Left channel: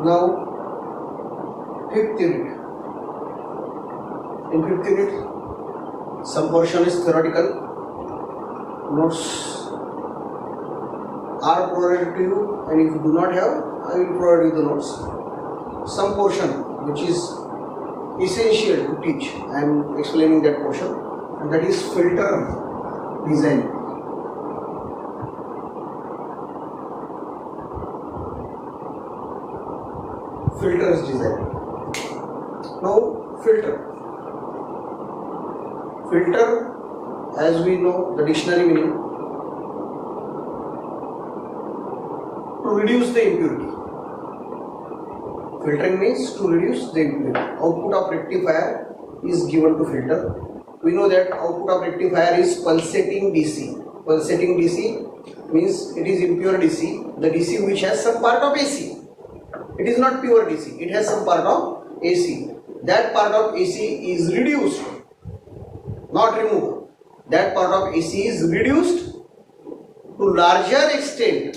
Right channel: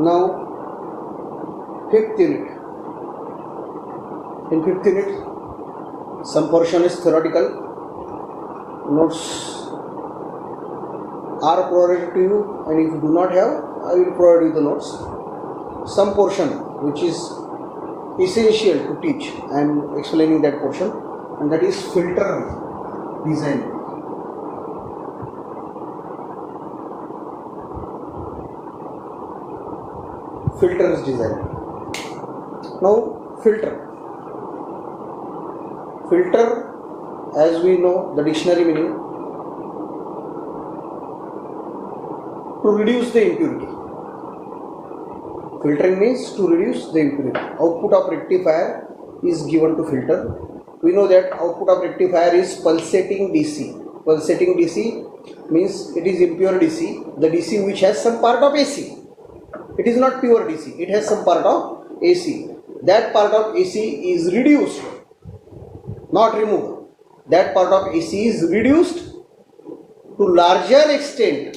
Now, fifth unit. In fifth unit, some portion is theoretical. Notes are provided to you, and if you do not have, I will provide you the notes. Some portion which is essential to teach, I am explaining that portion, and that is filter design. Filter is design. Now, filter, as we know the dictionary meaning, to reduce the impurity. Filtering means to reduce the impurity. Output of rectifier is given to filter. We know that output of rectifier is pulsating DC. Pulsating DC means it is impure DC, the DC which has some part of AC. It is not pure DC, it has some part of AC. That part of AC is reduced, not removed. That part of AC is reduced to larger extent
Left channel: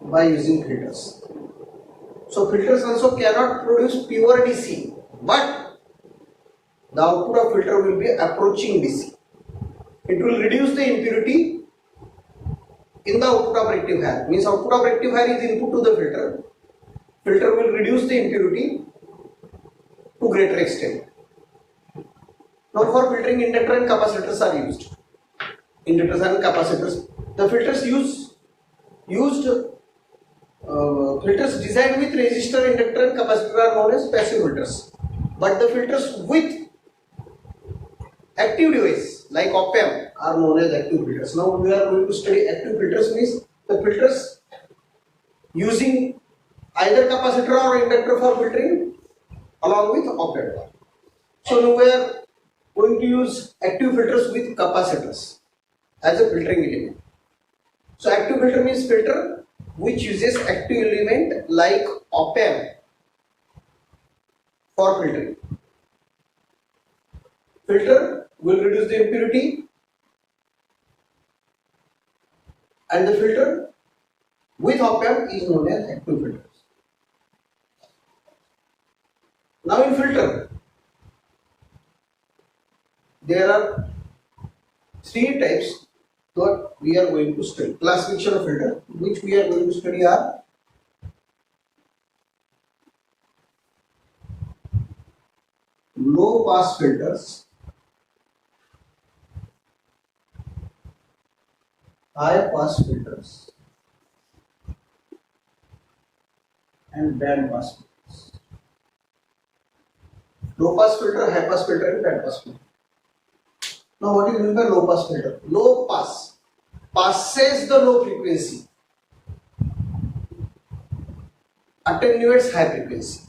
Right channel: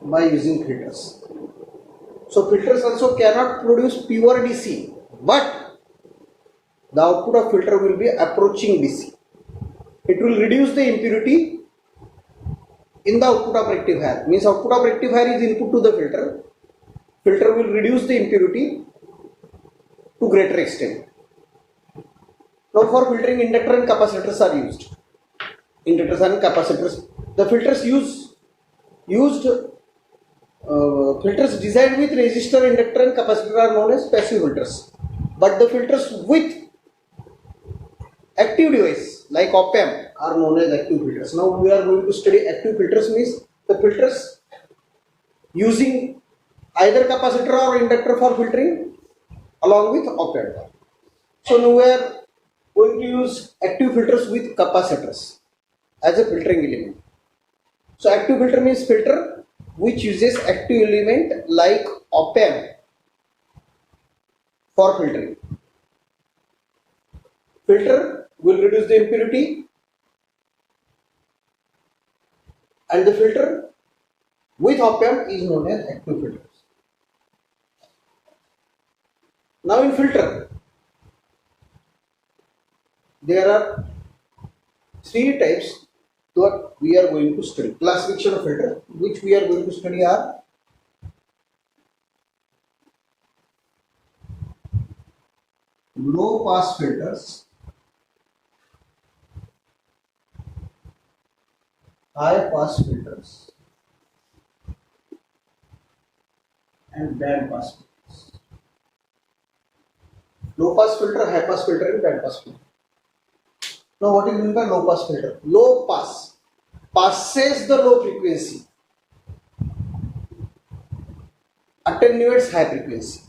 by using filters. So filters also cannot produce pure DC, but the output of filter will be approaching DC. It will reduce the impurity in the output of rectifier. Means output of rectifier is input to the filter. Filter will reduce the impurity to greater extent. Now for filtering, inductor and capacitors are used. Inductors and capacitors. The filters filters designed with resistor, inductor and capacitor are known as passive filters. But the filters with active device like op-amp are known as active filters. Now we are going to study active filters, means the filters using either capacitor or inductor for filtering along with op-amp. So now we are going to use active filters with capacitors as a filtering element. So active filter means filter which uses active element like op-amp for filtering. Filter will reduce the impurity, and the filter with op-amp is known as active filters. Now in filter, there are three types that we are going to study. Classification of filter which we are going to study are low pass filters, high pass filters, and band pass filters. Low pass filter, high pass filter, and band pass filter. Now what is meant by low pass filter? Low pass passes the low frequency, attenuates high frequency.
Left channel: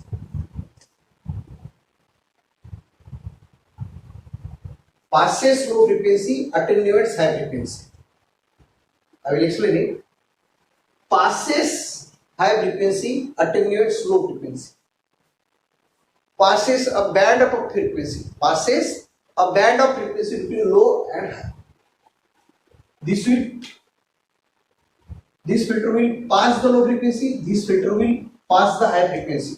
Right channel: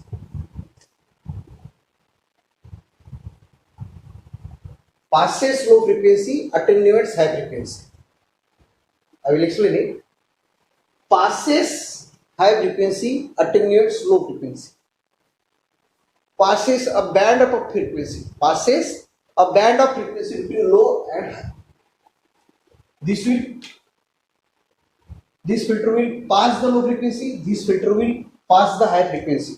Passes low frequency, attenuates high frequency. I will explain it. Passes high frequency, attenuates low frequency. Passes a band of frequency. Passes a band of frequency between low and high. This filter will pass the low frequency. This filter will pass the high frequency.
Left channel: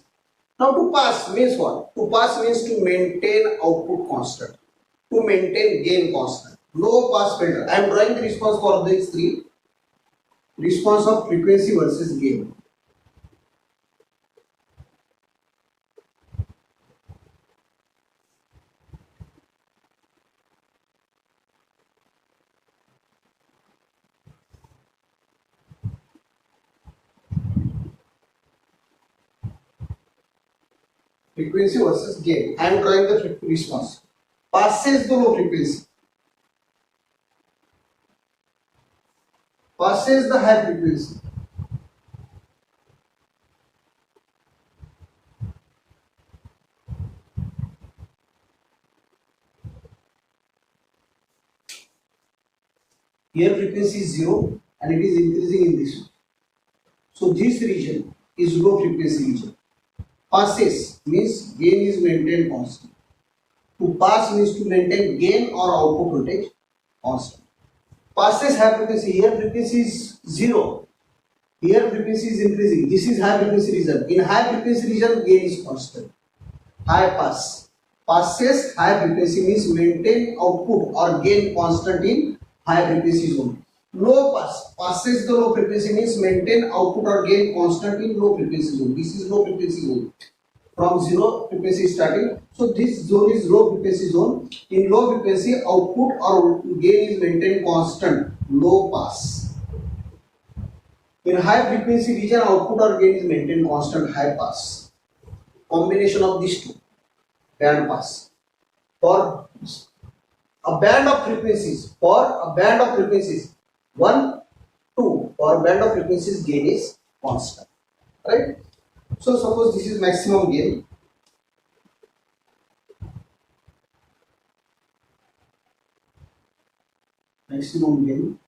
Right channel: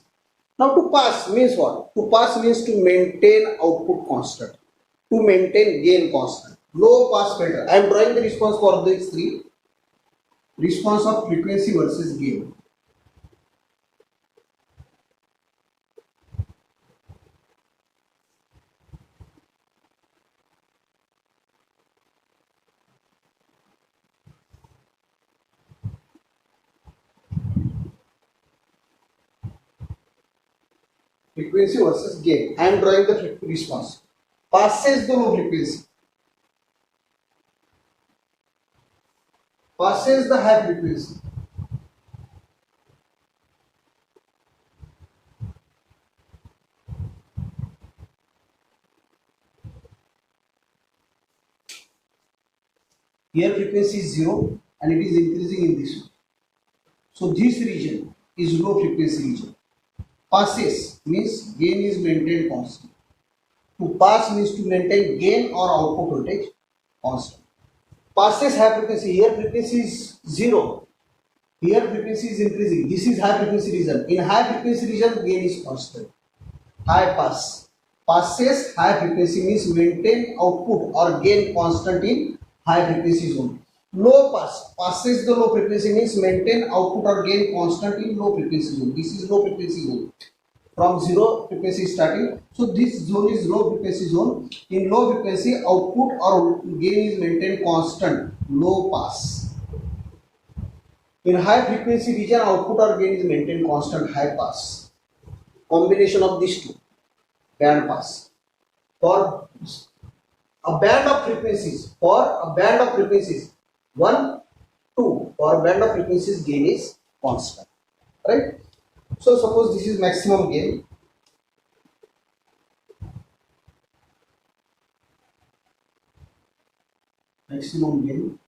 Now to pass means what? To pass means to maintain output constant, to maintain gain constant. Low pass filter. I am drawing the response for these three. Response of frequency versus gain. Frequency versus gain. I am drawing the response. Passes the low frequency. Passes the high frequency. Here frequency is 0 and it is increasing in this. So this region is low frequency region. Passes means gain is maintained constant. To pass means to maintain gain or output voltage constant. Passes high frequency, here frequency is 0 Here frequency is increasing. This is high frequency region. In high frequency region, gain is constant. High pass. Passes high frequency means maintain output or gain constant in high frequency zone. Low pass. Passes the low frequency means maintain output or gain constant in low frequency zone. This is low frequency zone. From zero frequency starting. So this zone is low frequency zone. In low frequency, output or gain is maintained constant. Low pass. In high frequency region, output or gain is maintained constant. High pass. Combination of these two. Band pass. For a band of frequencies, 1, 2, for a band of frequencies, gain is constant. Right? So suppose this is maximum gain. Maximum gain.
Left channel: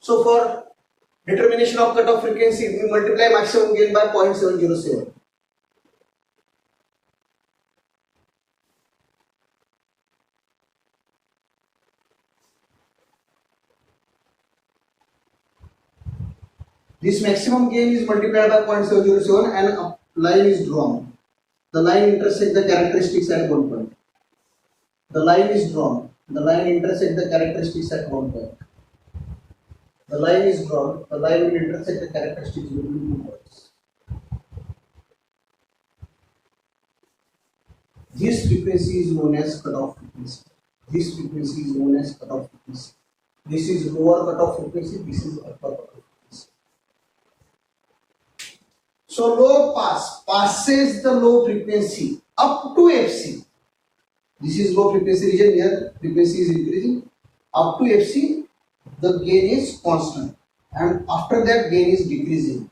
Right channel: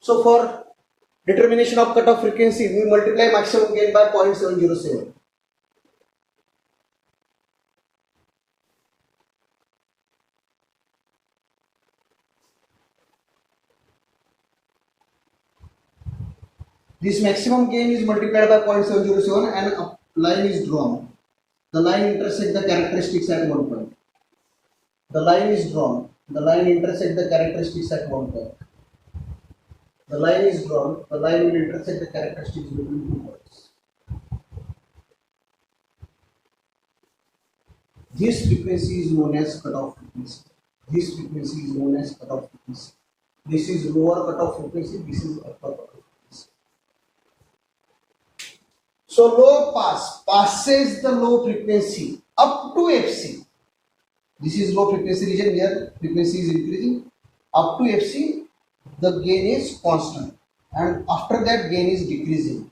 So for determination of cutoff frequency, we multiply maximum gain by 0.707. This maximum gain is multiplied by 0.707 and a line is drawn. The line intersects the characteristics at one point. The line is drawn. The line intersects the characteristics at one point. The line is drawn. The line will intersect the characteristics between 2 points. This frequency is known as cutoff frequency. This frequency is known as cutoff frequency. This is lower cutoff frequency. This is upper cutoff frequency. So low pass passes the low frequency up to Fc. This is low frequency region. Here frequency is increasing up to Fc. The gain is constant, and after that gain is decreasing.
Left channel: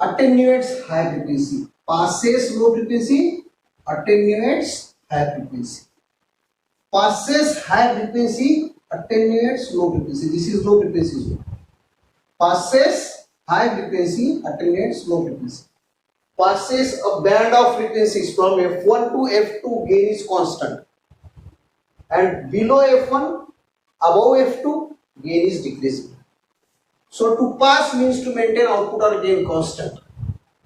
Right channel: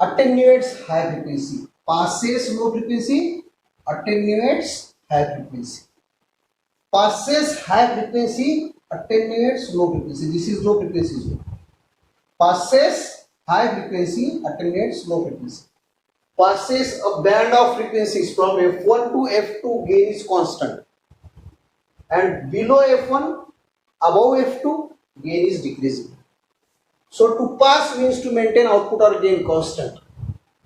Attenuates high frequency. Passes low frequency. Attenuates high frequency. Passes high frequency. Attenuates low frequency. This is low frequency zone. Passes high frequency. Attenuates low frequency. Passes a band of frequencies from F1 to F2, gain is constant, and below F1, above F2, gain is decreasing. So to pass means to maintain output or gain constant.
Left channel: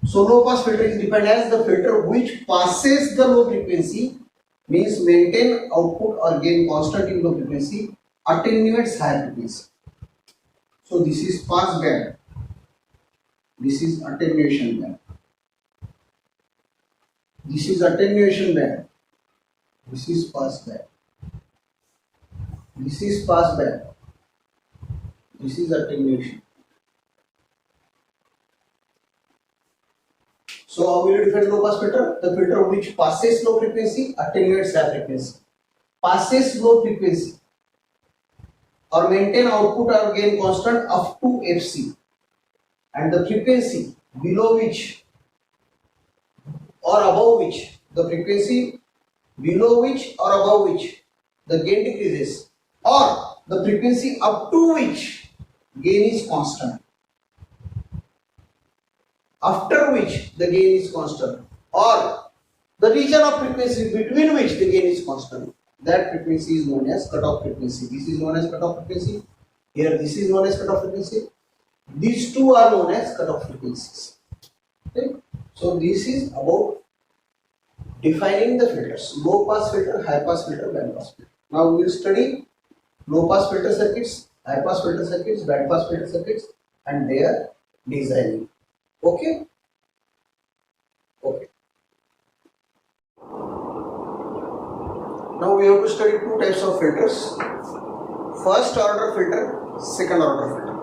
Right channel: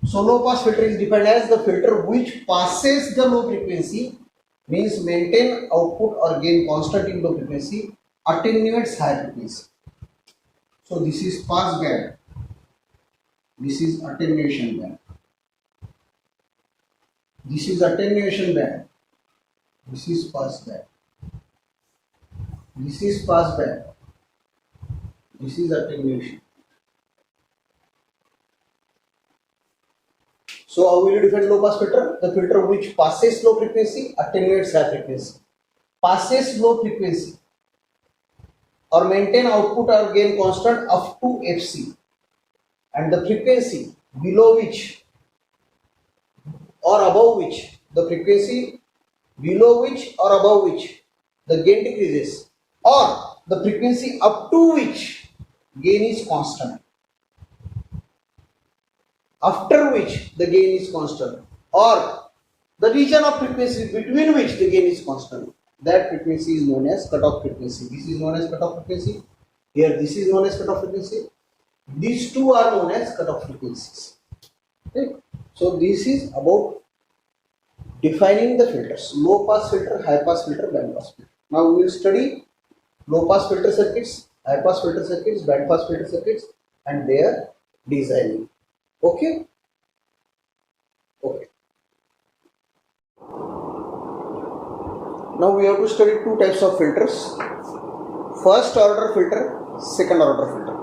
So low pass filter is defined as the filter which passes the low frequency, means maintain output or gain constant in low frequency, attenuates high frequency. So this is pass band. This is attenuation band. This is attenuation band. This is pass band. This is pass band. This is attenuation. So how will you define low pass filter? The filter which passes low frequency, attenuates high frequency. Passes low frequency or maintain output or gain constant up to Fc, and the frequency below which or above which, the frequency below which or above which the gain decreases, or the frequency up to which gain is constant, after which the gain is constant, or the region of frequency between which the gain is constant. That frequency is known as cutoff frequency. This is known as cutoff frequency. Here this is known as cutoff frequency. These two are known as cutoff frequencies. Okay? So this is about defining the filters: low pass filter, high pass filter, band pass filter. Now we will study low pass filter circuits, high pass filter circuits, band pass filter circuits, and their designing. Okay? Okay. Now we have to study two types of filters: first order filter, second order filter.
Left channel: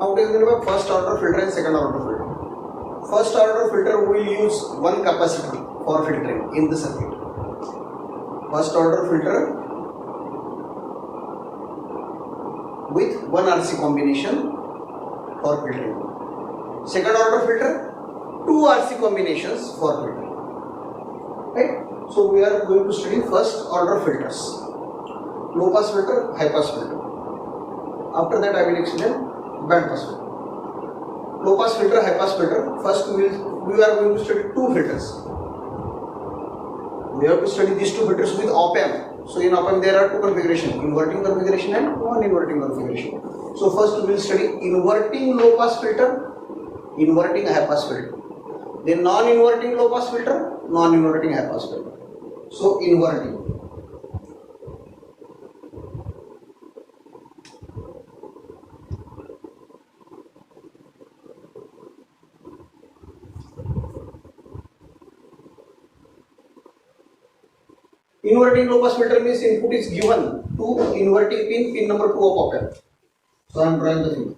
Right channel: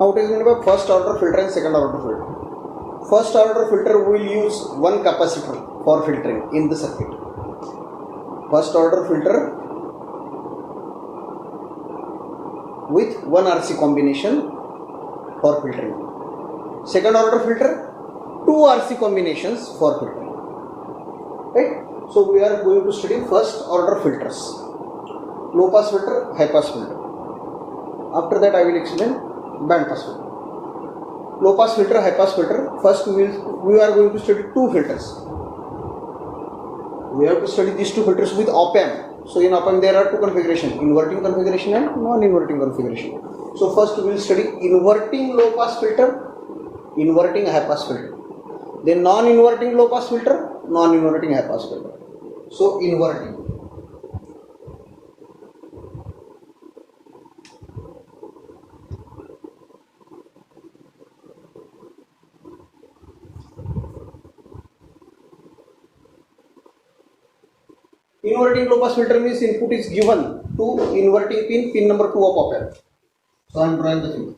Now what is meant by first order filter and second order filter? First order filter will use one capacitor for filtering in the circuit. First order filter with one RC combination for filtering. Second order filter, two RC combinations for filtering. Right? So we are going to study first order filters: low pass filter, high pass filter. After that I will explain band pass filter. Low pass filter, high pass filter. First we are going to study two filters. We have to study these two filters with op amp. So in open there are two configurations, inverting configuration and non-inverting configuration. So first we will study inverting low pass filter, inverting high pass filter. Then non-inverting low pass filter, non-inverting high pass filter. So inverting. Inverting low pass filter means input is given to inverting pin, pin number 2 of op-amp. So I am drawing the figure.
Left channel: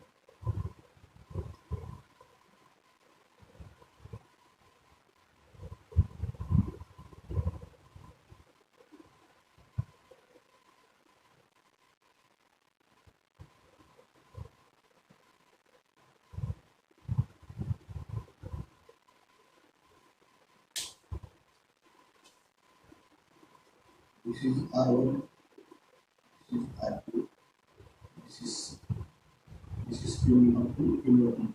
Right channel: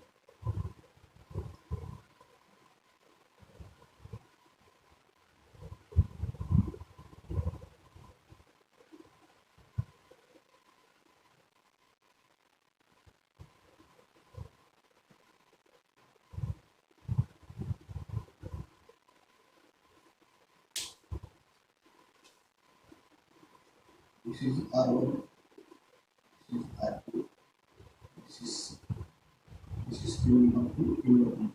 This is R1, this is R2, this is pin number 2 inverting.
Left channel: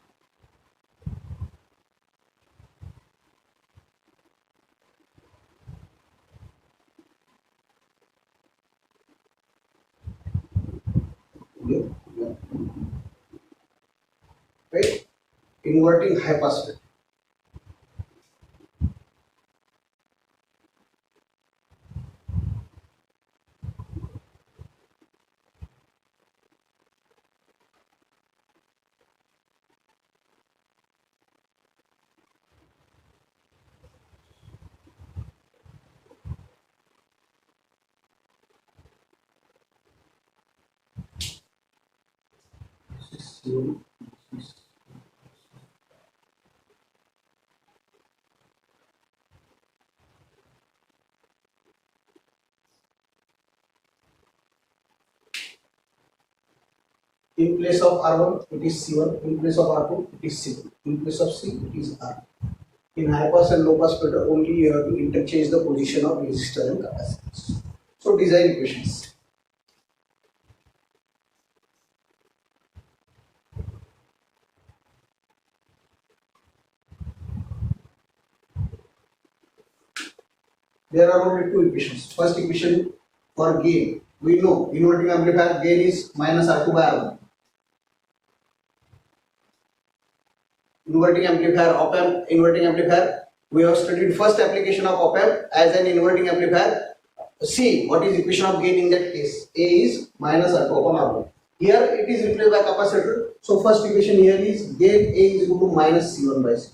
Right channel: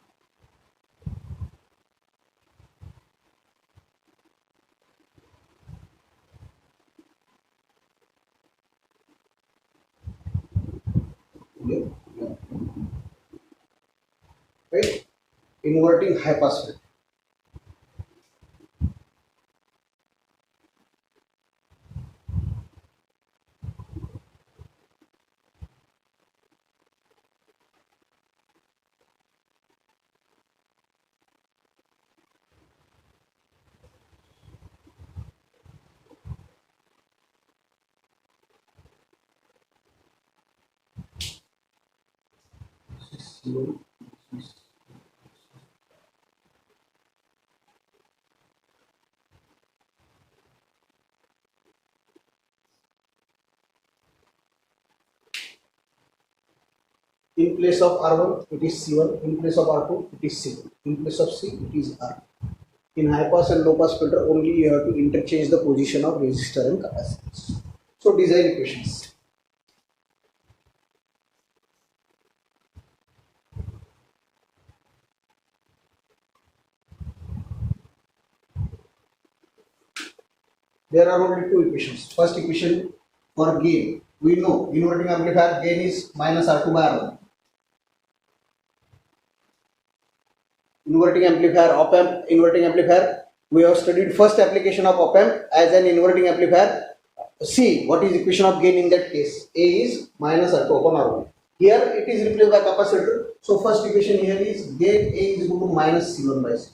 Right? Inverting high pass filter. In place of R1 it is C1, in place of R2 it is C, in place of C it is R. In high pass and low pass filter only you have to interchange the position of resistor and capacitors. So design equations. There are only two equations. First equation for gain. We know inverting amplifier gain is minus R2 by R1. Inverting amplifier, op-amp, inverting amplifier. We have studied first application of op-amp as an inverting amplifier. See what is equation of gain in that case. A is minus R2 upon R1. Here it is replaced by capacitor. So first equation here is gain A is equal to minus C1 by C.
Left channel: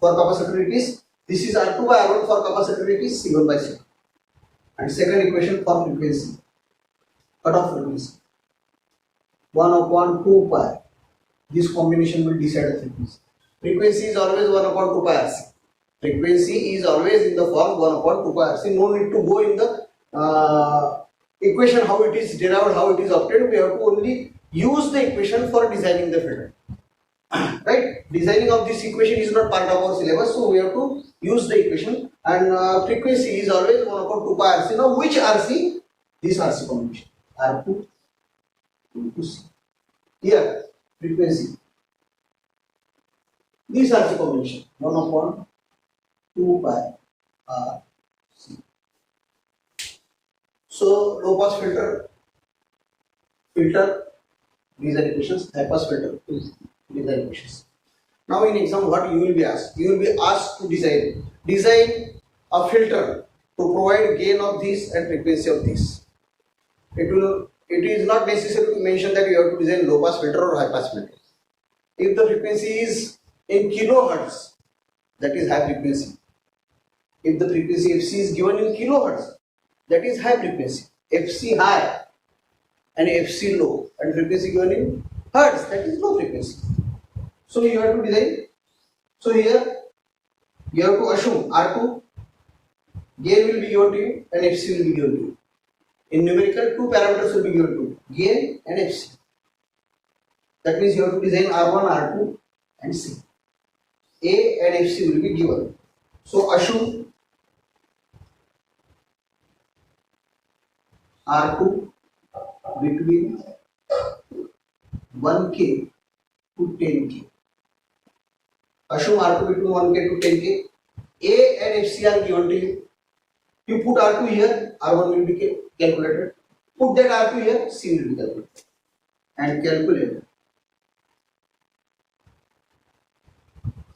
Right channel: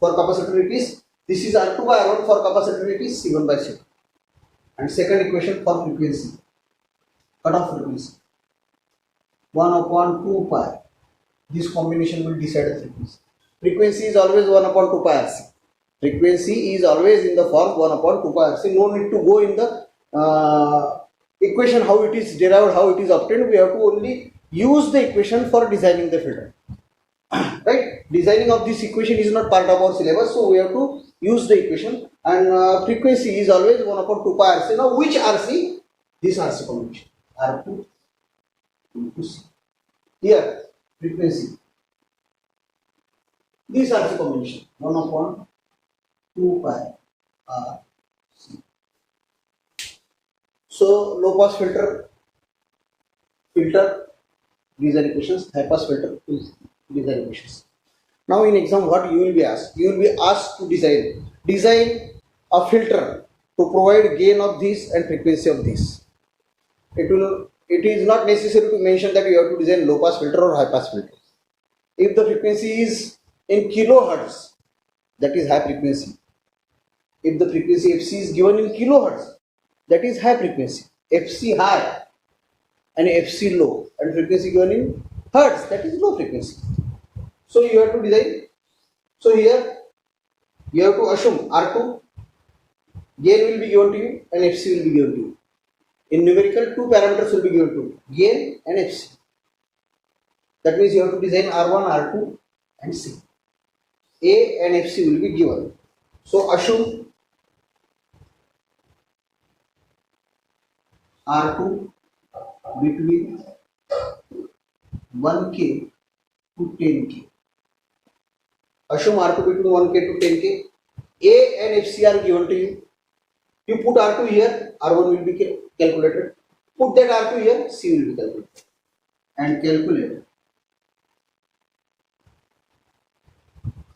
For capacitor it is, this is R2 by R1, for capacitor it is C1 by C. And second equation for frequency, cutoff frequency, 1 upon 2 pi. This combination will decide the frequency. Frequency is always 1 upon 2 pi RC. Frequency is always in the form 1 upon 2 pi RC. No need to go in the equation how it is derived, how it is obtained. We have to only use the equation for designing the filter. Right? Designing of this equation is not part of our syllabus, so we have to use the equation. And frequency is always 1 upon 2 pi RC. Now which RC? This RC combination. R2 into C. Here frequency. This RC combination 1 upon 2 pi RC. So low pass filter, these are equations. High pass filter, these are equations. Now in exam what you will be asked? You will be asked to design a filter to provide gain of this and frequency of this. It is not necessary to mention that you have to design low pass filter or high pass filter. If the frequency is in kilohertz, that is high frequency. If the frequency FC is given in kilohertz, that is high frequency. FC high and FC low, and frequency given in hertz, that is low frequency. So you have to design. So here you have to assume R2 gain will be given to you and FC will be given to you. In numerical, two parameters will be given to you, gain and FC. That means you have to design R1, R2 and C. A and FC will be given. So assume R2 between 1K to 10K. Assume R2 between 1K to 10K. A and FC are given to you. You put R2 here R1 will be calculated. Put that R2 here, C will be calculated. And calculate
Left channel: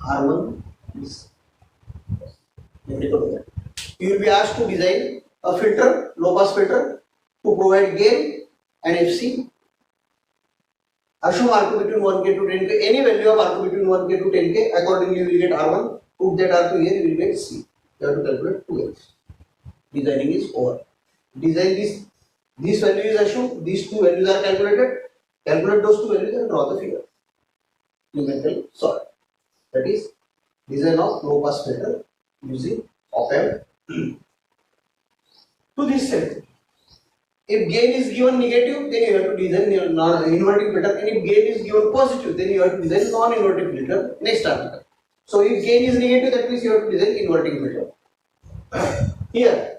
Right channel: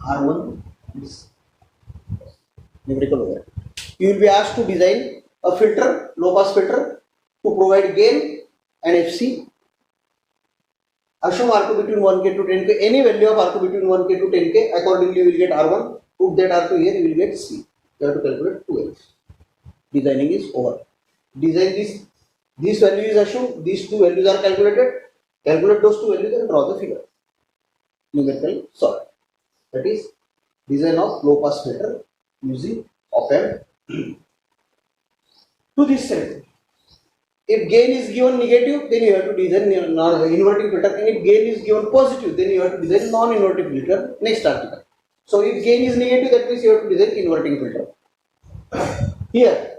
R1 is numerical over. You will be asked to design a filter, low pass filter, to provide gain and FC. Assume R2 between 1K to 10K, any value of R2 between 1K to 10K, accordingly you will get R1. Put that R2 here, you will get C. You have to calculate 2x. Designing is over. Design this value is assumed, these two values are calculated. Calculate those two values and draw the figure. Numerical solve. That is design of low pass filter using op-amp. To this side, if gain is given negative, then you have to design non-inverting filter, and if gain is given positive, then you have to design non-inverting filter. Next article. So if gain is negative, that means you have to design inverting filter. Here,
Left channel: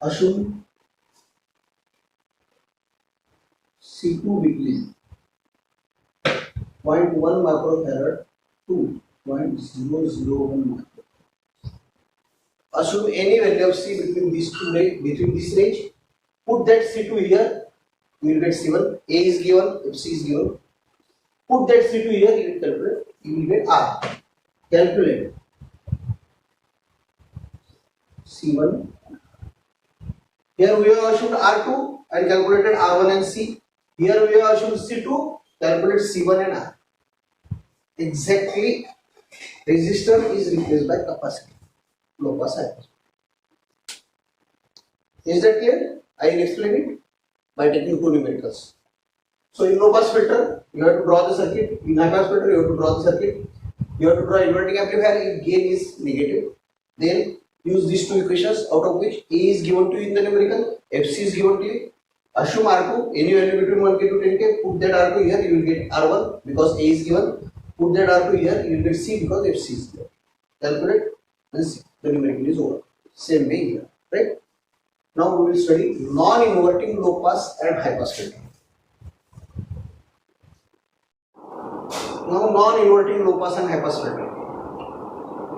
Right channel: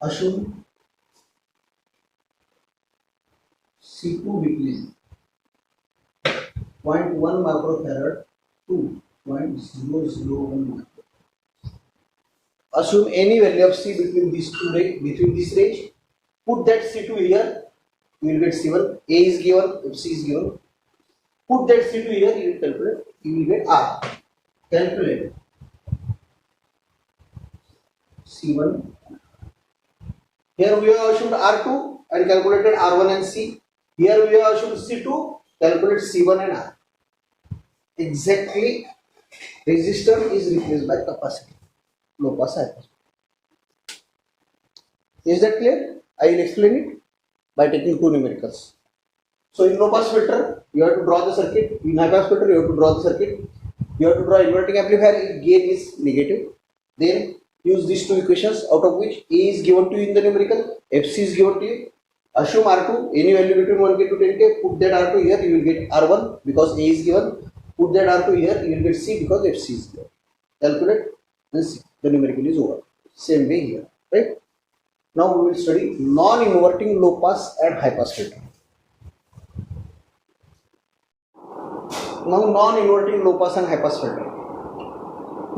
assume C2 between 0.1 microfarad to 0.001 microfarad. Assume any value of C between these two range, between this range. Put that C2 here, you will get C1. A is given, FC is given. Put that C2 here, you will calculate, you will get R. Calculate C1. Here we have assumed R2 and calculated R1 and C. Here we have assumed C2, calculate C1 and R. Exactly, resistor is replaced by capacitor. Low pass high pass. Is that clear? I will explain it by taking two numericals. So in low pass filter, you have to draw the circuit. In high pass filter, you have to draw the circuit. You have to draw inverting amplifier if gain is negative. Then use these two equations, out of which A is given to you in the numerical, FC is given to you. Assume R2, any value between 1K to 10K, put that R2 here, you will get R1 because A is given. Put that R2 here, you will get C because FC is given. Calculate this. The numerical is over. Same way here, right? Now we will study non-inverting low pass and high pass filter. Now non-inverting low pass and high pass filter.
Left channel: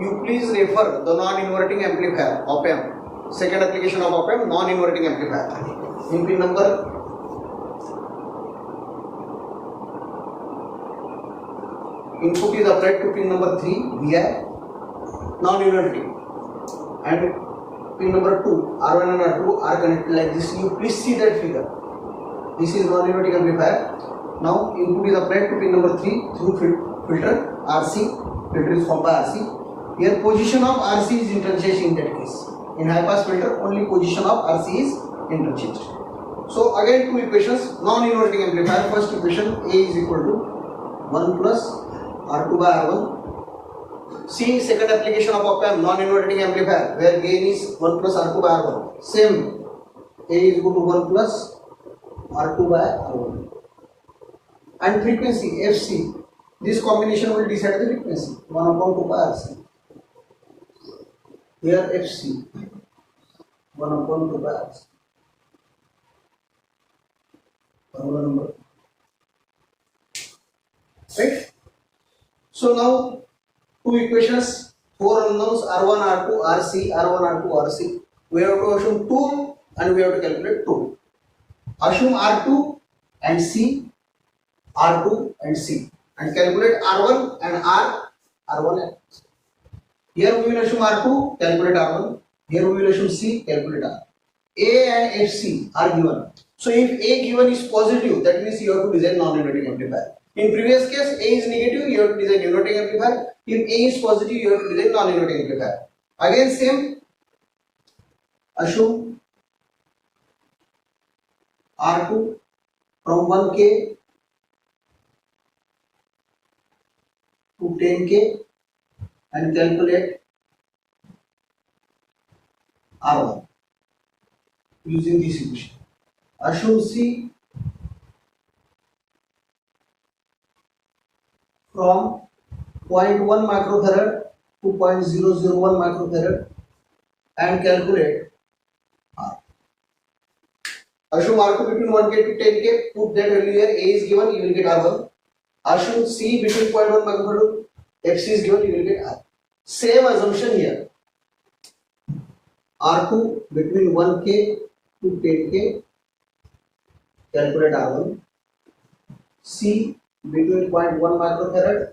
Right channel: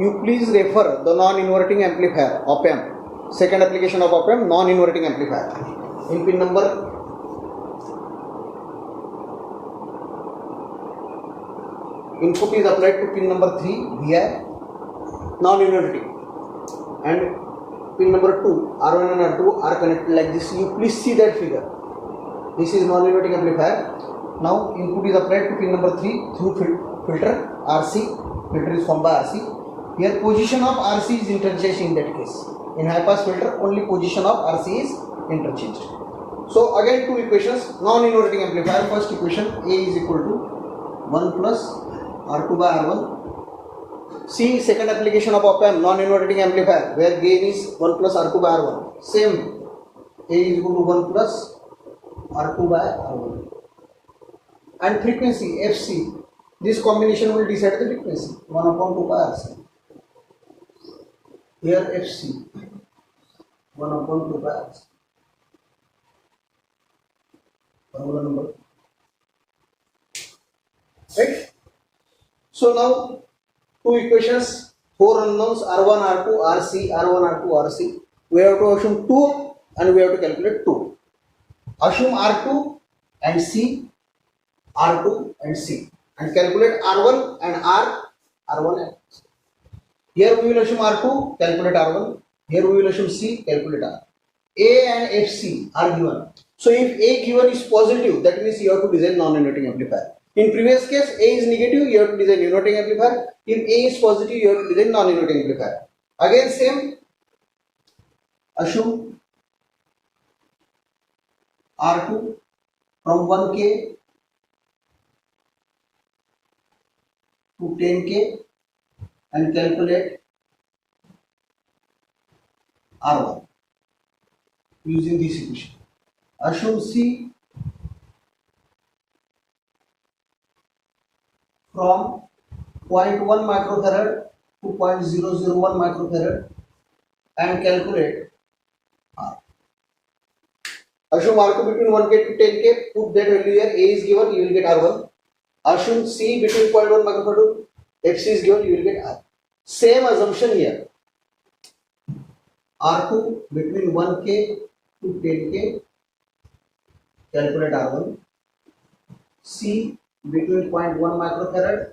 You please refer the non-inverting amplifier op-amp. Second application of op-amp, non-inverting amplifier. In pin number input is applied to pin number 3 VI non-inverting. And pin number 2, R1 and R2 are connected like this. You please see that figure. This is non-inverting amplifier. Now input is applied to pin number 3 through filter RC. Filter is formed by RC. Here position of RC is interchanged in that case. In high pass filter, only position of RC is interchanged. So again two equations, non-inverting amplifier. First equation, A is equal to 1 plus R2 by R1. See second application of op-amp, non-inverting amplifier, where gain is 1 plus R2 by R1. Same, A is equal to 1 plus R2 by R1. And frequency, FC, this combination will decide the frequency, 1 upon 2 by RC. Here FC, 1 upon 2 by RC. Formula number. Right? So now, two equations, four unknowns, R1, R2, RC, R1, R2, RC. We have to assume 2 and we have to calculate 2. Assume R2 and C, R2 and C, and calculate R1 and R1 and C. Here we will assume R2, calculate R1. Here we will assume C, calculate R. A and FC are given. So if A given is positive, that means you have to design non-inverting amplifier. In previous case, A is negative, you have to design inverting amplifier. If A is positive, you have to design non-inverting amplifier. Again same, assume R2 from 1K to 10K and calculate R1 using this equation. Assume C from 0.1 microfarad to 0.001 microfarad and calculate R. Assume R2 between 1K to 10K, put that value here, A is given, you will get R1. Assume C between 0.1 microfarad to FC is given, you will get R. Same assumption here. R2 between 1K to 10K, calculate R1. C between 0.1 microfarad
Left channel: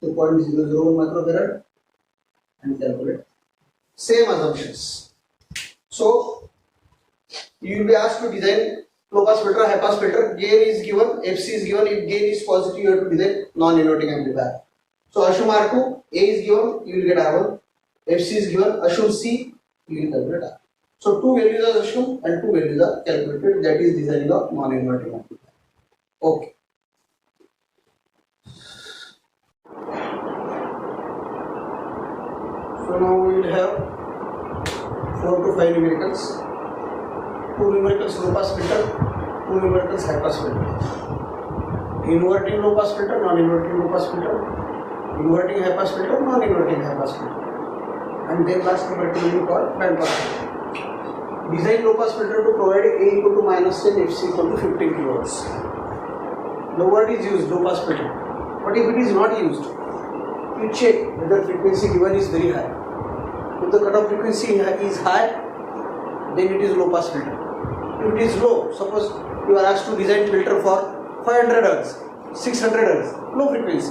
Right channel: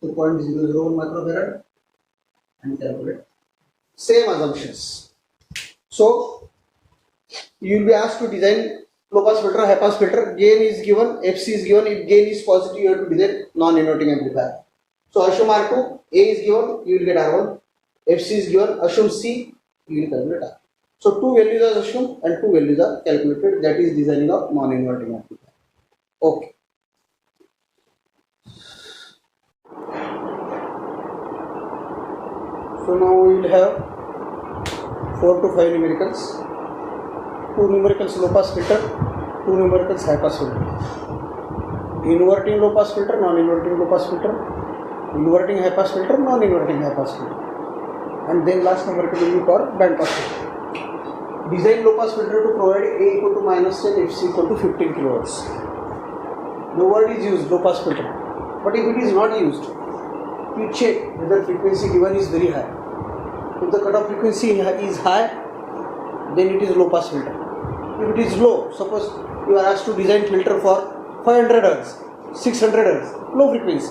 to 0.001 microfarad and calculate. Same assumptions. So you will be asked to design low pass filter, high pass filter. Gain is given, FC is given. If gain is positive, you have to design non-inverting amplifier. So assume R2, A is given, you will get R1. FC is given, assume C, you will calculate R. So two values are assumed and two values are calculated. That is designing of non-inverting amplifier. Okay. So now we will have 4 to 5 numericals. 2 numericals low pass filter, 2 numericals high pass filter. Inverting low pass filter, non-inverting low pass filter. Inverting high pass filter, non-inverting high pass filter. And then last numerical will be called band pass filter. Design low pass filter to provide A equal to -10, FC equal to 15 kHz. The word is used, low pass filter. But if it is not used, you check whether frequency given is very high. If the cutoff frequency is high, then it is low pass filter. If it is low, suppose you are asked to design filter for 500 Hz, 600 Hz, low frequency,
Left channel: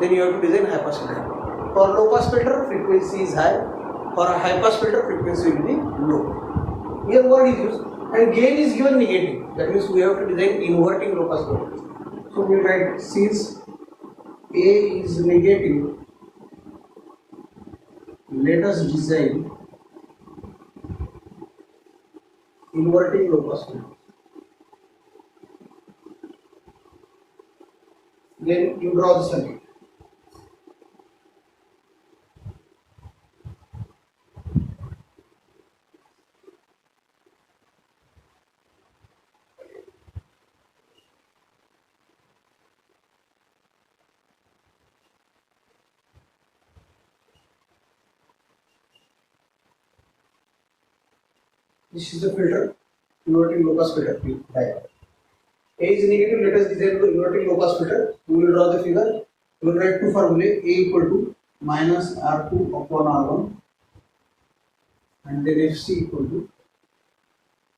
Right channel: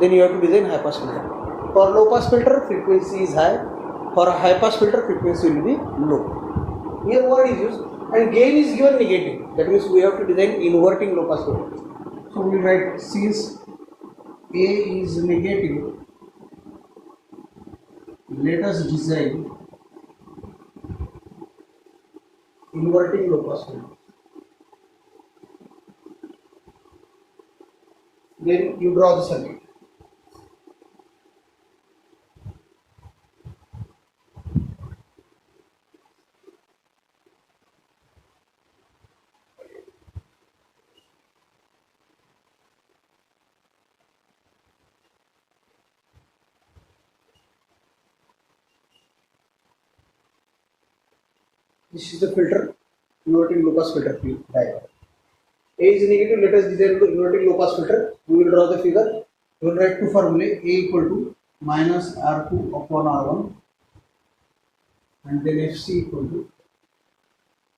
then you have to design high pass filter. For low pass filter, frequency is high. For a high pass filter, frequency will be low. Here word is used and gain is given negative. That means we have to design inverting low pass filter. So we write since A is negative, let us design inverting low pass filter. Then you draw the circuit. This is the filter, inverting low pass filter diagram. A is negative, let us design the inverting low pass filter. We will draw the figure. We will write two formulae, A equal to -R2 upon R1 and then FC equal to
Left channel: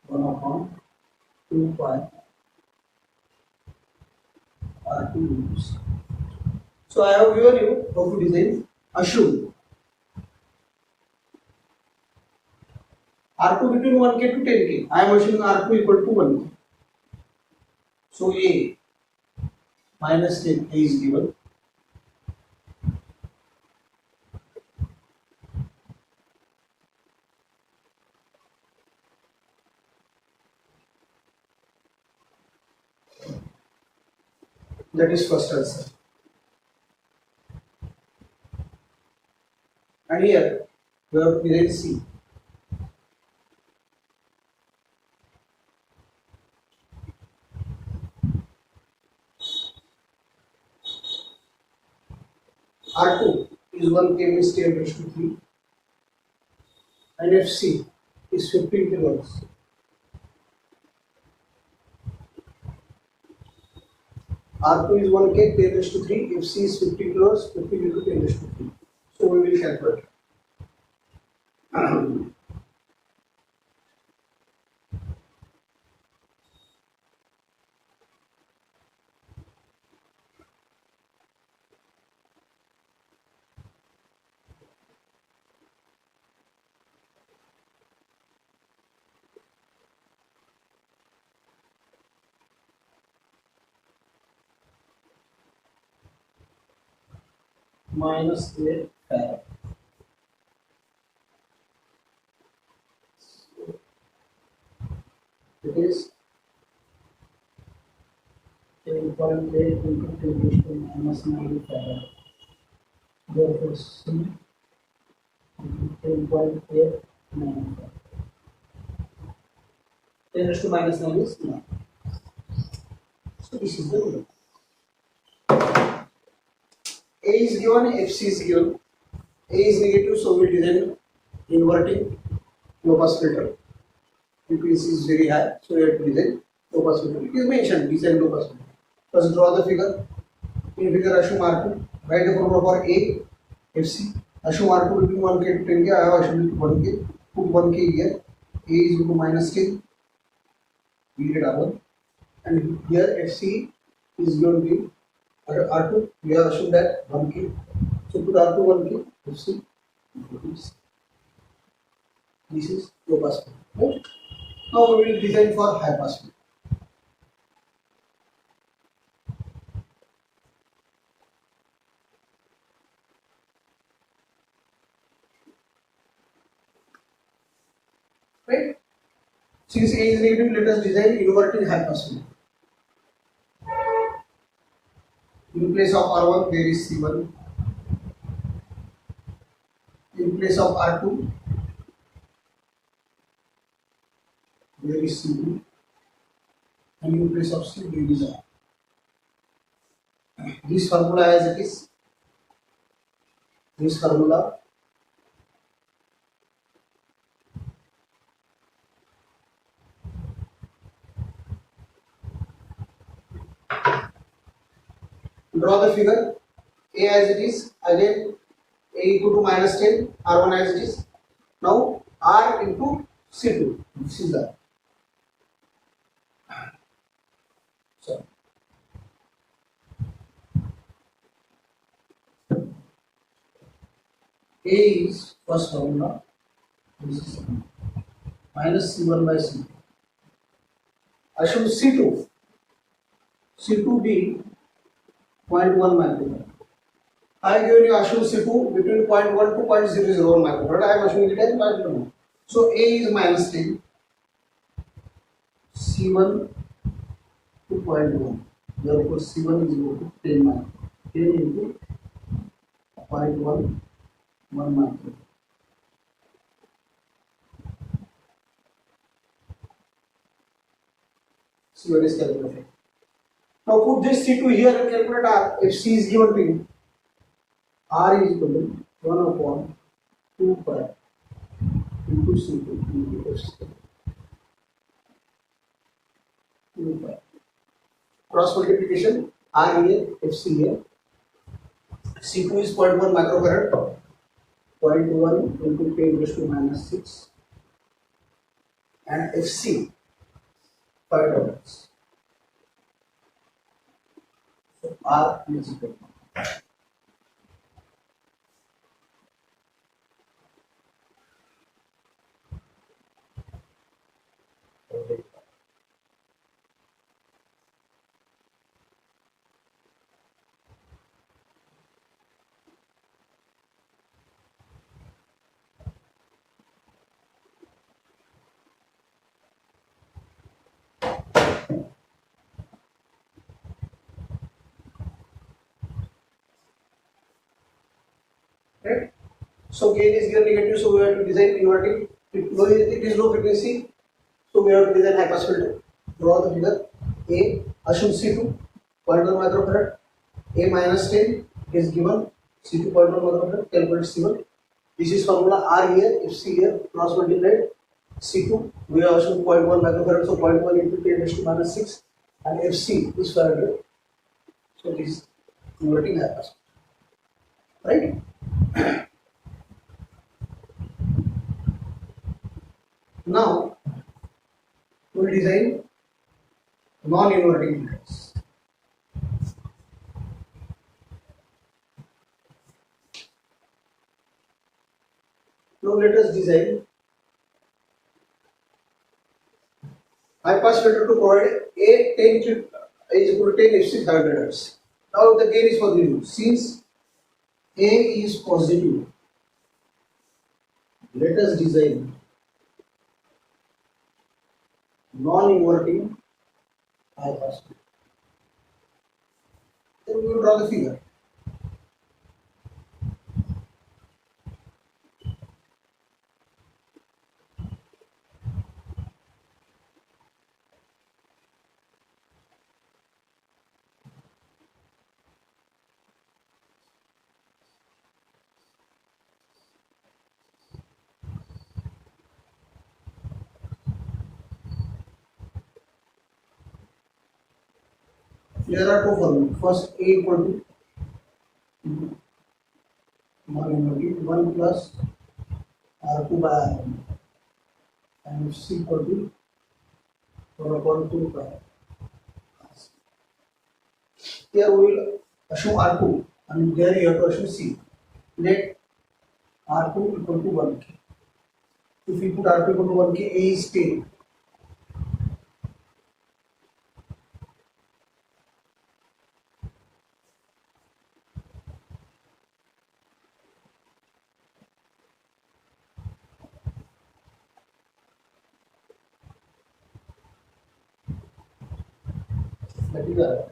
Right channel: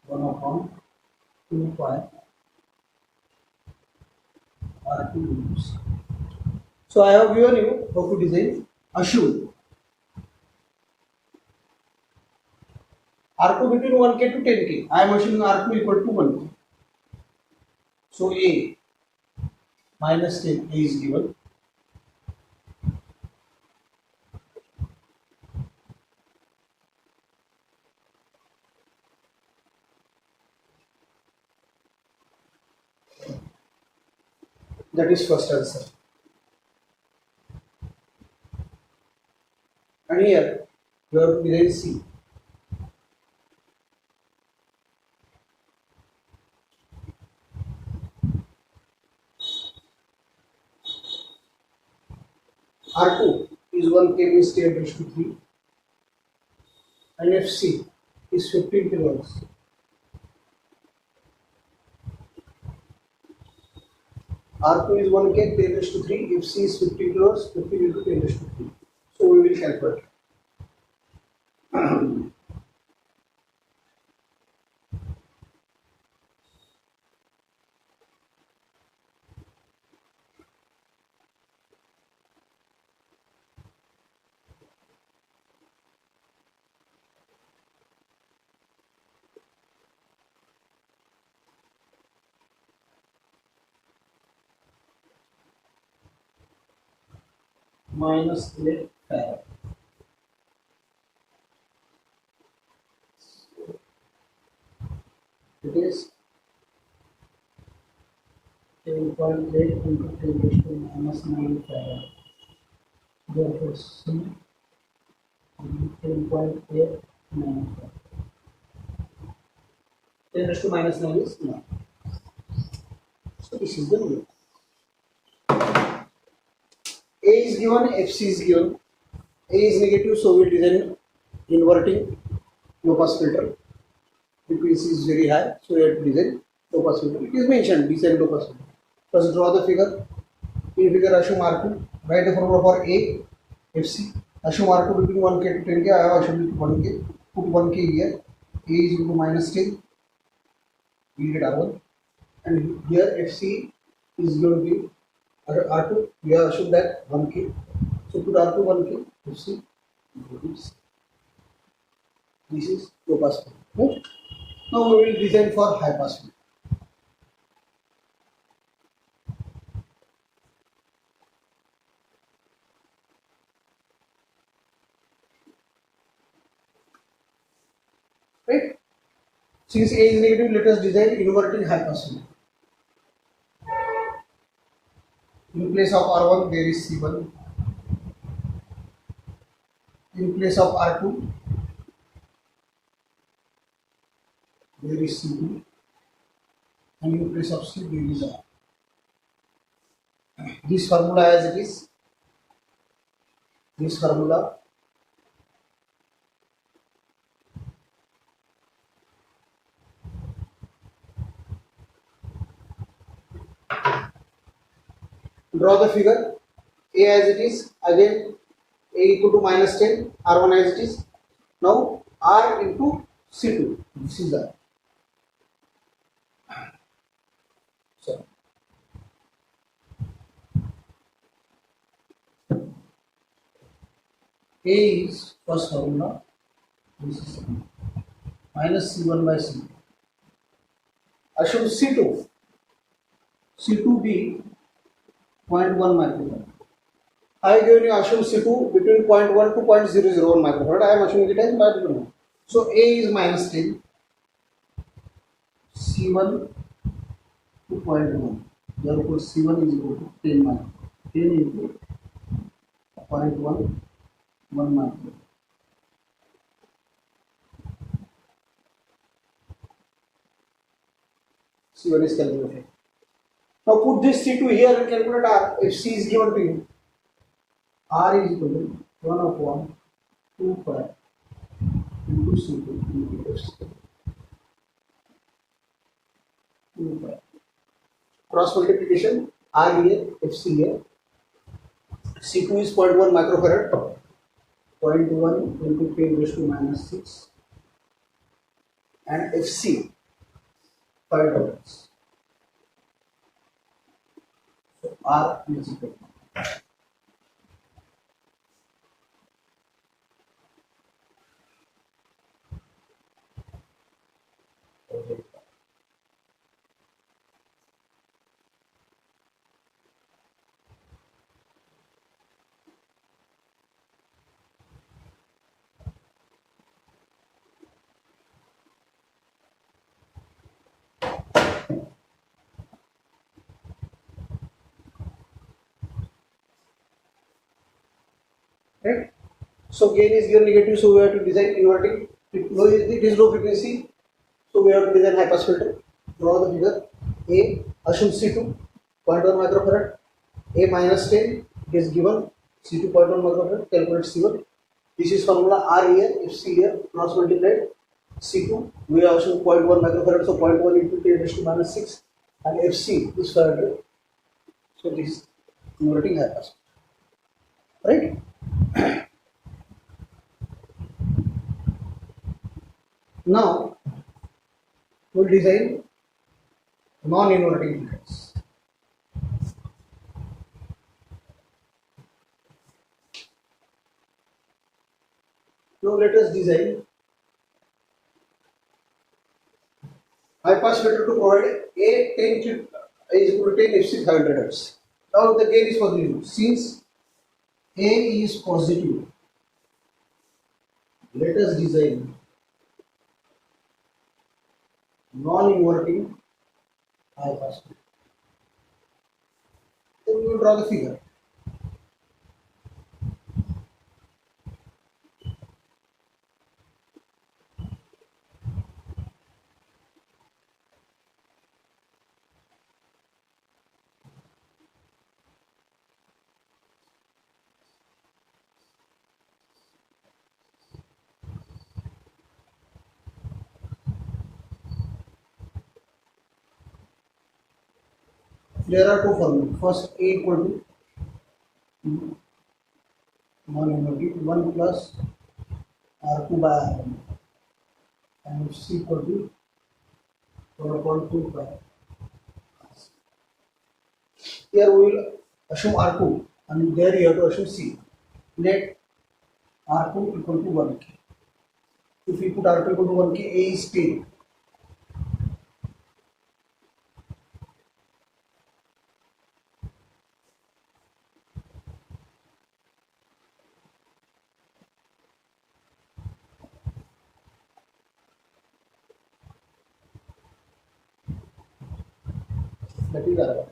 1 upon 2 pi R2 into C. So I have given you how to design. Assume R2 between 1K to 10K. I am assuming R2 equal to 1K. So A -10, A is given. That is first answer. And here you have to design C. R2 is 1K means 10 raised to 3 and FC is 15 kHz. R2 is 1K, 10 raised to 3, FC is 15 kHz, 15 into 10 raised to 3. So we will calculate. -8 farad. It is 10.8 into 10 raised to -9 farad. Therefore, C 10.8 farad. 10 raised to -9 is 9. So this is the rule. A is given, FC is given. A is negative, so we design inverting low pass filter. Frequency is very high, so we have to design low pass filter. It is mentioned, design low pass filter. First draw the figure. In figure, assume R2. Write the formula for A, FC. Assume R2 between 1K to 10K. I have assumed 1K. put 1k here. A is equal to minus 10. We get R1. And here FC is going to be R2. We have assumed that 1k. So put R2 1k. FC. This is low pass filter. Right? Now we will design for high pass filter. Right? Since A is negative, let us design inverting high pass filter. In place of R1, there is C1. In place of R2, there is C2. And in place of C, there is R. This formula as it is. This formula draw the figure. A as it is, again A equal to minus 10, R1 as it is. Now R into C2, this is R. So A is first formula, this is second. Minus C1 by C2. Assume C2 be 0.1 microfarad. I have given you assume C2 between 0.1 to 0.001 microfarad. I am assuming it as 0.1. So A is minus 10, C1 to 0.1. Therefore C1 is equal to 10 microfarad. 10 into 0.1 microfarad. C1 is calculated. Now put this C2 here and calculate R. If C is given to you, R is equal to 1 upon 2 pi into C2 into FC. 2 pi. Cross multiplication, R here, FC here. C2 is 0.1 microfarad. 0.1 into 10 raised to minus 6. And FC, 5 dollars. So R is equal to. Right? So gain is given negative, so we have to design inverting. It is low frequency, so we have to design high pass filter. Draw the figure. A, assume C2, 0.1 microfarad. A minus 10 is given. C2 0.1 microfarad. Calculate C1. This is formula R here, FC here. Cross multiplied. C2 we have assumed 0.1 microfarad, so 0.1 into 10 raised to minus 6, and FC is 500. So this is converting high pass. Right? Now we will design non-inverting filters. Now let us design high pass filter to provide a 10 is equal to 10 FC 500 Hz. Now the gain is for the since A is positive, let us design non-inverting high pass filter. Then we will draw the figure. There are two formulas. First, A equal to 1 plus R2 by R1. and C equal to 1.25. Here we will assume R2 and there you have to assume C. Let R2 equal to 1K. If we put R2 equal to 1K, A is 10. That is R.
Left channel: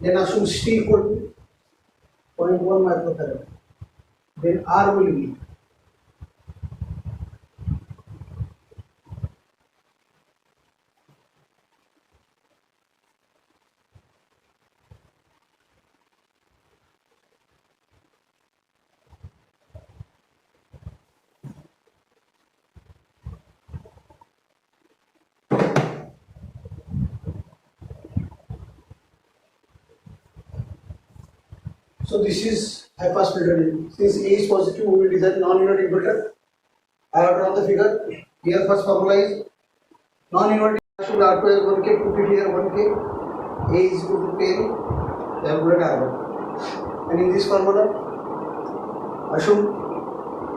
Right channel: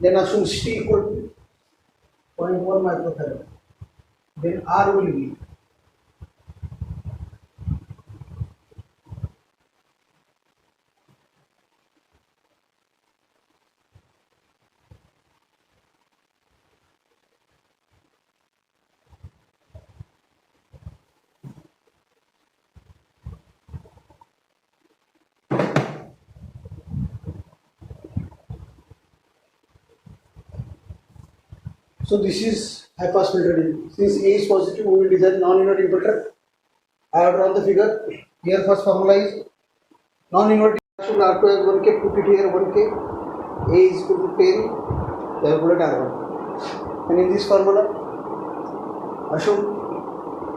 Then assume C equal to 0.1 microfarad. Then R will be so this is high pass filter. Since A is positive, we will design non-inverting filter. I have drawn the figure. Here first formula is non-inverting should R2 is 1K, put it here 1K, A is equal to 10, calculate R1. And in this formula, assume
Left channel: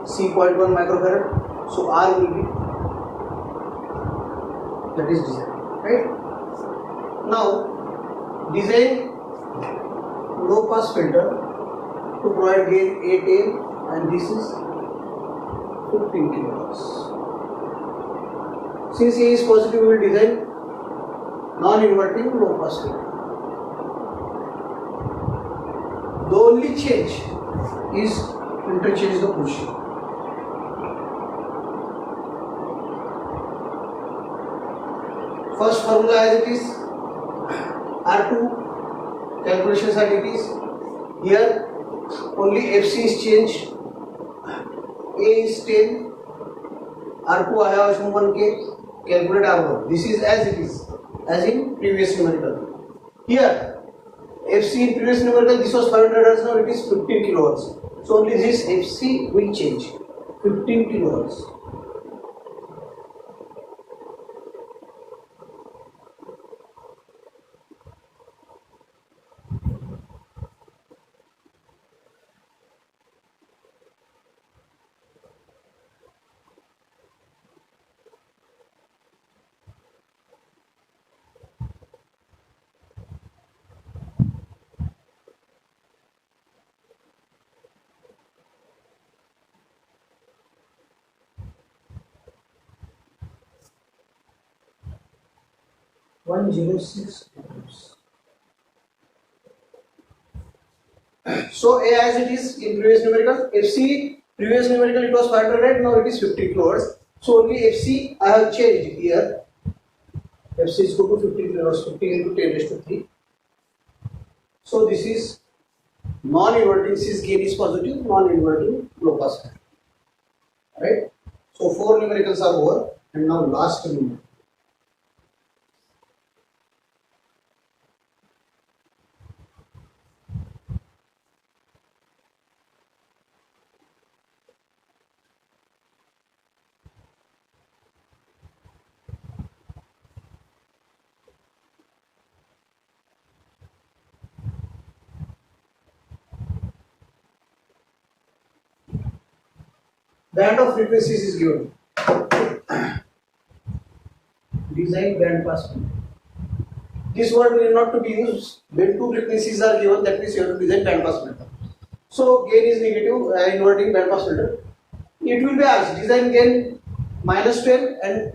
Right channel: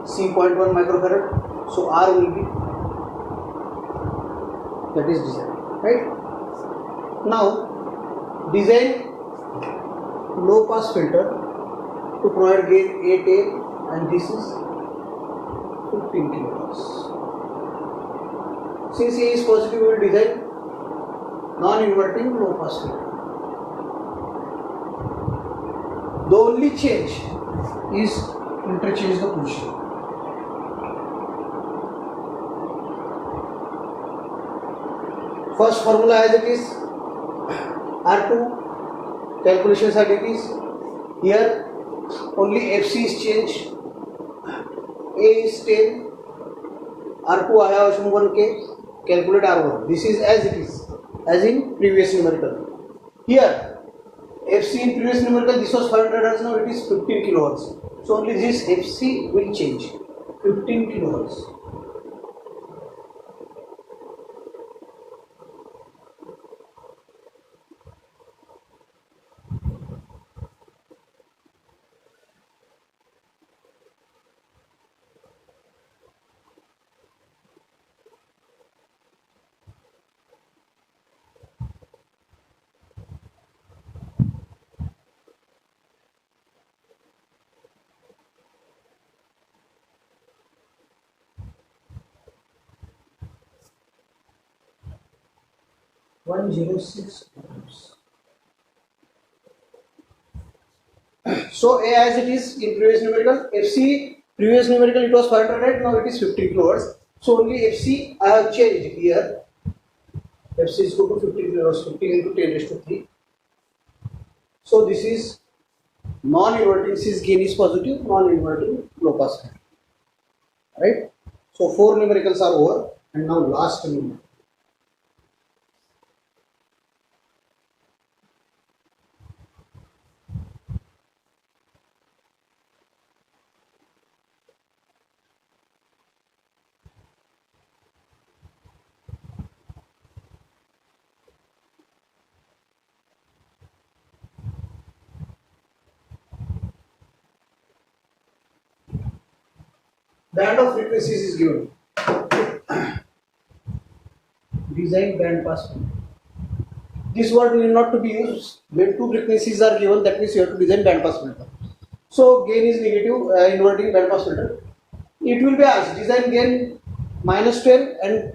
C 0.1 microfarad, so R will be, that is design, right? Now, design low pass filter to provide gain 8 and this is 15 kilohertz. Since A is positive, we will design non-inverting low pass filter. The only change is interchange the position. First formula as it is, R2 calculations are it is. Here only FC is changed. A is 10, R2 I have assumed 1K, calculate R1. This is as it is, as in previous numerical. Here FC in previous numerical this was 500 Hz, now it is 15 kilohertz. So only this FC will change, 15 kilohertz. One 106 ohms. So A as it is in previous numerical, FC previous numerical it was 500, right? Now it is 15 kilohertz. So only FC I have changed here. FC is equal to 15 kilohertz, 15 into 10 raised to 3. So this is non-inverting, since gain is positive, non-inverting low pass filter. Right? So 4 numericals are over, and now last numerical. Band of frequencies is given. Design band pass filter. This word need not to be used when two frequencies are given, that means you have to design band pass filter. So gain is negative, inverting band pass filter. It will be asked design gain minus 10 and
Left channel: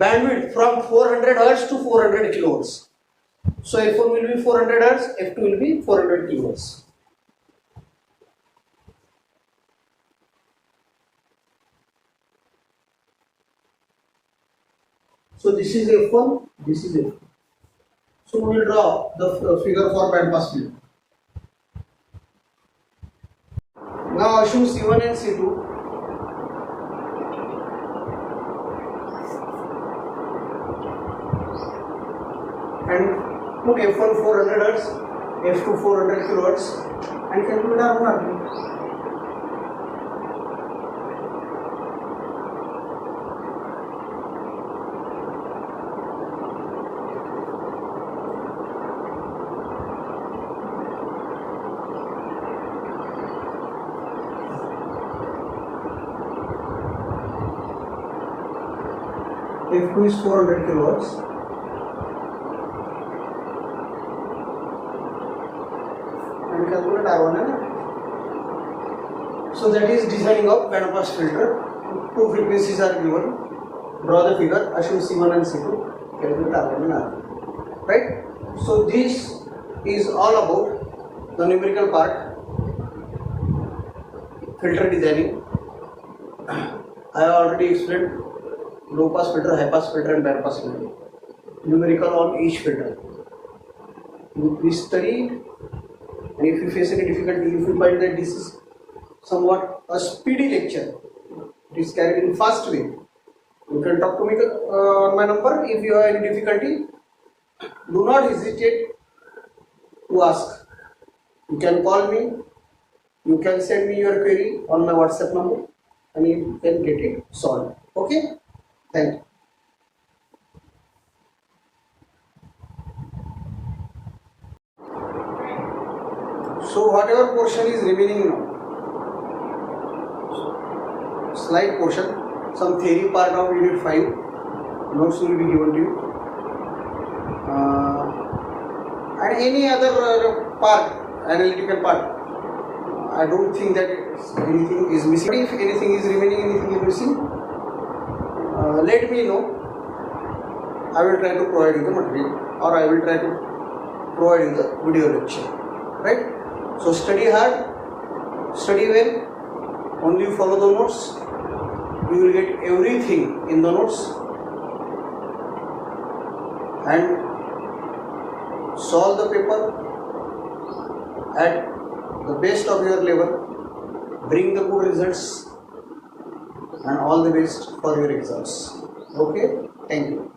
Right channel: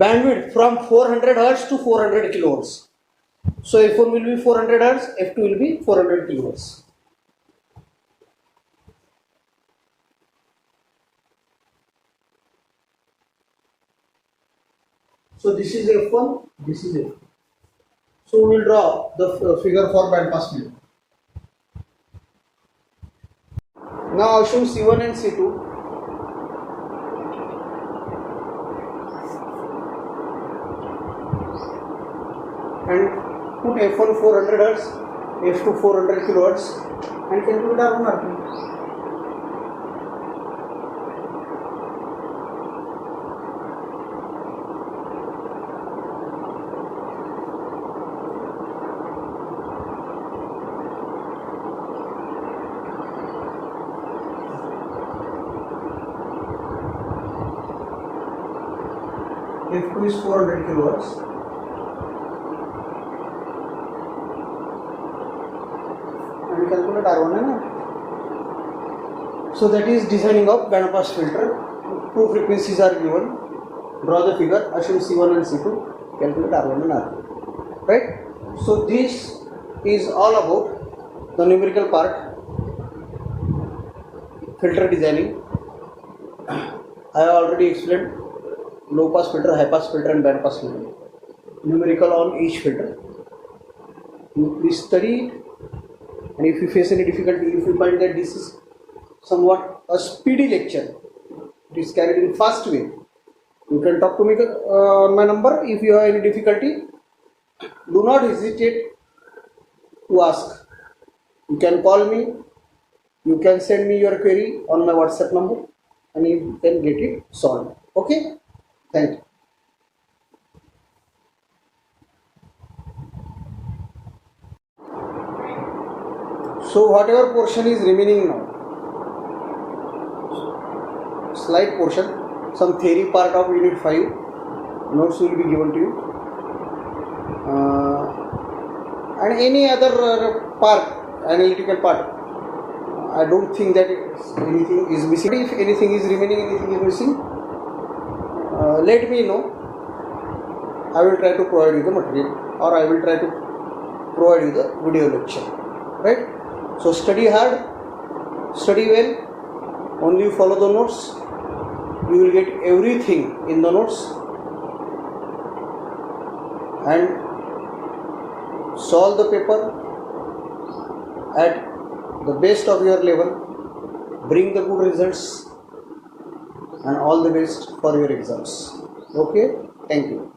bandwidth from 400 Hz to 400 kilohertz. So F1 will be 400 Hz, F2 will be 400 kilohertz. So this is F1, this is F2. So we will draw the figure for band pass filter. Now assume C1 and C2. And put F1 400 Hz, F2 400 kilohertz and calculate R1. F2 is 400 kilowatts. And calculate R1 है ना. So that is designing of band pass filter. Two frequencies are given. Draw the figure. Assume C1 and C2. Calculate R1 and R2. Right? So this is all about the numerical part. Filter designing. I already explained low pass filter, high pass filter and band pass filter. Numerical on each filter. You please study, and if you face any difficulty, if you find that this is somewhat a speedy lecture, it is carried in fast way, you can talk to me on my number. If you have any difficulty, do not hesitate to ask. You can call me, you can send me your query on my WhatsApp number, and you can get it solved. Okay? Thank you. So whatever portion is remaining now, slight portion, some theory part of unit 5, notes will be given to you, and any other part, analytical part. I don't think that anything is missing. If anything is remaining, anything is missing, let me know. I will try to provide you the material, or I will try to provide you the video lecture. Right? So study hard, study well, only follow the notes. You will get everything in the notes, and solve the paper at the best of your level. Bring the good results, and all the best for your exams. Okay? Thank you.